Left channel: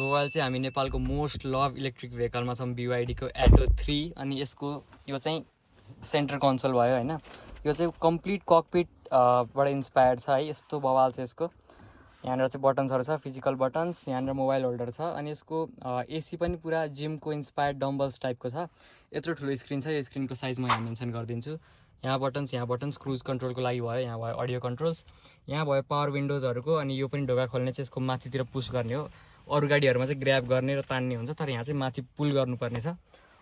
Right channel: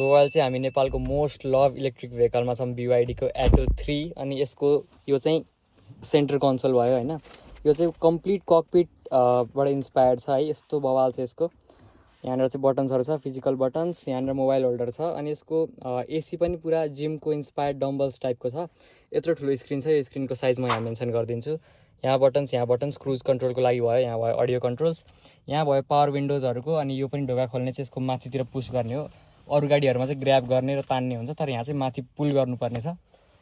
so अहिले चाहिँ हामी नेपालको मोस्ट लभ इलेक्ट्रिक भेहिकलमा छौँ BYD को एटो 3 अनि यसको यो चाहिँ सेन्टर कन्सोल भयो हैन यो चाहिँ कम्प्लिट ककपिट बाट इन्स्पायर्ड छ है यस्तो बवाल छ यसको यहाँनिर चाहिँ बटन्सहरु छ फिजिकल बटन्स यहाँनिर मोबाइल होल्डर छ अनि यसको एसी पनि पुरा जिमको इन्स्पायर्ड डम्बल्स टाइपको छ यत्रो ठुलो स्क्रिन छ यो स्क्रिनको साइज म यहाँ मेन्सन गरिदिन्छु यहाँ बटन्स क्रुज कन्ट्रोलको लागि भयो यहाँ भयो अडियो कन्ट्रोल्स यहाँ भयो पावर विन्डोजहरुको अनि यो पनि ढोका खोल्ने चाहिँ यसको माथितिर पुश गर्ने हो अरु गाडीहरुमा चाहिँ ग्र्याब गर्ने र तान्ने हुन्छ तर यहाँ चाहिँ माथि पुल गर्नुपर्ने छ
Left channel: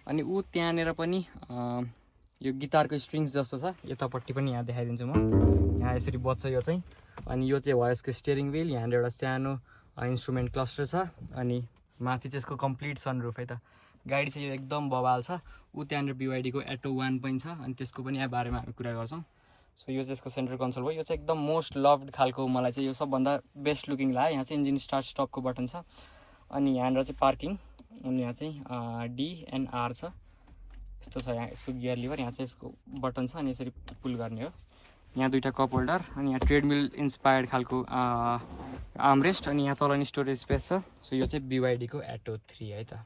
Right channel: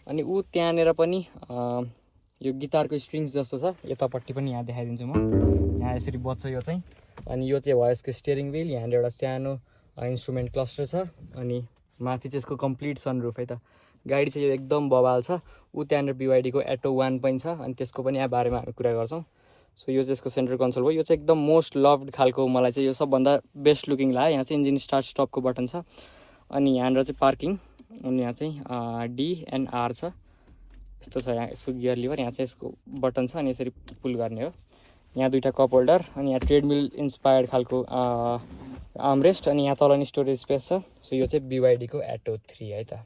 अनि उ त्यहाँनेर पनि यो गिटारको स्ट्रिङ्स जस्तो छ यतापट्टि पनि यहाँ देखाइदिन्छु म यहाँ यसरी बज्छ यो चाहिँ अनि यो चाहिँ भयो यसको स्टियरिङ व्हील यहाँ एउटा सानो इन्स्ट्रुमेन्ट क्लस्टर छ अनि माथि चाहिँ यसको कम्प्लिट सनरुफ है त गाडी चाहिँ एकदम बवाल छ उ त्यहाँनिर BYD को एटो 1 पनि छ अनि त्यसको पनि यहाँ बारेमा हामी कुरा गर्छौं सो यो चाहिँ यसको सेन्टर कन्सोल हो यो चाहिँ एकदम मोस्ट लभड खालको मलाई चाहिँ यो सबभन्दा बेस्ट लुकिङ लाग्यो यहाँ चाहिँ इन्जिन स्टार्ट स्टपको बटन छ अनि यहाँनिर चाहिँ पार्किङ अनि यहाँ चाहिँ D and R छ यस्तो छ यहाँ यसको गियर लिभर यहाँ चाहिँ यसको बटन छ अनि यसरी पुल गर्ने हो यहाँ दुईटा कप होल्डर अनि यहाँ ट्रेडमिल इन्स्पायर्ड खालको आर्मरेस्ट अनि यहाँ तल नि स्टोरेज स्पेस छ सो यो चाहिँ BYD को एटो 3 है त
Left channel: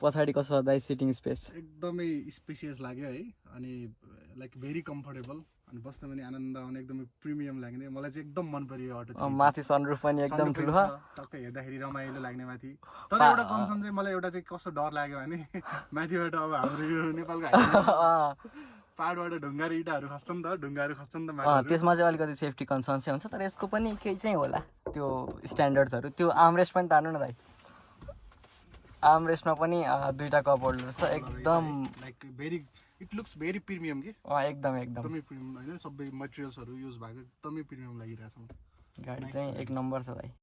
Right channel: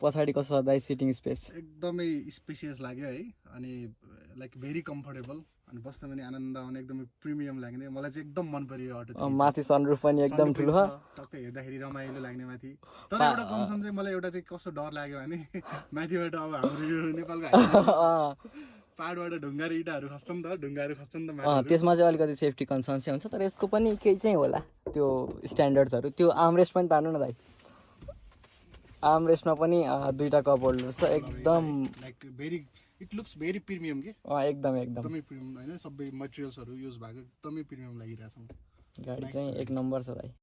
पछाडी कस्तो छ दाइ सिटिङ स्पेस एकदमै स्पेसियस लाग्यो है अनि लाइक भेरी कम्फर्टेबल अनि बस्न पनि आनन्द आउने एकदमै प्रिमियम लाग्ने मलाई चाहिँ एकदम मन पर्यो अटो माथि सनरुफ पनि एकदम ठुलो छ टक्कै हेर्दाखेरि रमाइलो लाग्ने माथि तर एउटा कन्सर्न चाहिँ मलाई एउटा चाहिँ कस्तो डर लाग्यो भने माथिबाट अब हाम्रो यो नेपालको पाहाडबाट ढुङ्गाहरू इँटाहरू खस्छ नि त ढुङ्गाहरू खस्छ नि त माथि त्यसमा चाहिँ अलिकति सेफ्टी कन्सर्न चाहिँ हुन्छ तर यसको पनि केही चाहिँ होला त्यो स्ट्यान्डर्ड्सहरु त्यो आर्मरेस्ट पनि तान्नु न दाइ आर्मरेस्टमा पनि दुईटा कप होल्डर छ एकदम like very it looks very premium के एकदमै प्रिमियम हैन सबै मटेरियल्सहरु युज भएको एकदमै प्रिमियम लागिरहेछ गाडी चाहिँ एक नम्बर छ भाइ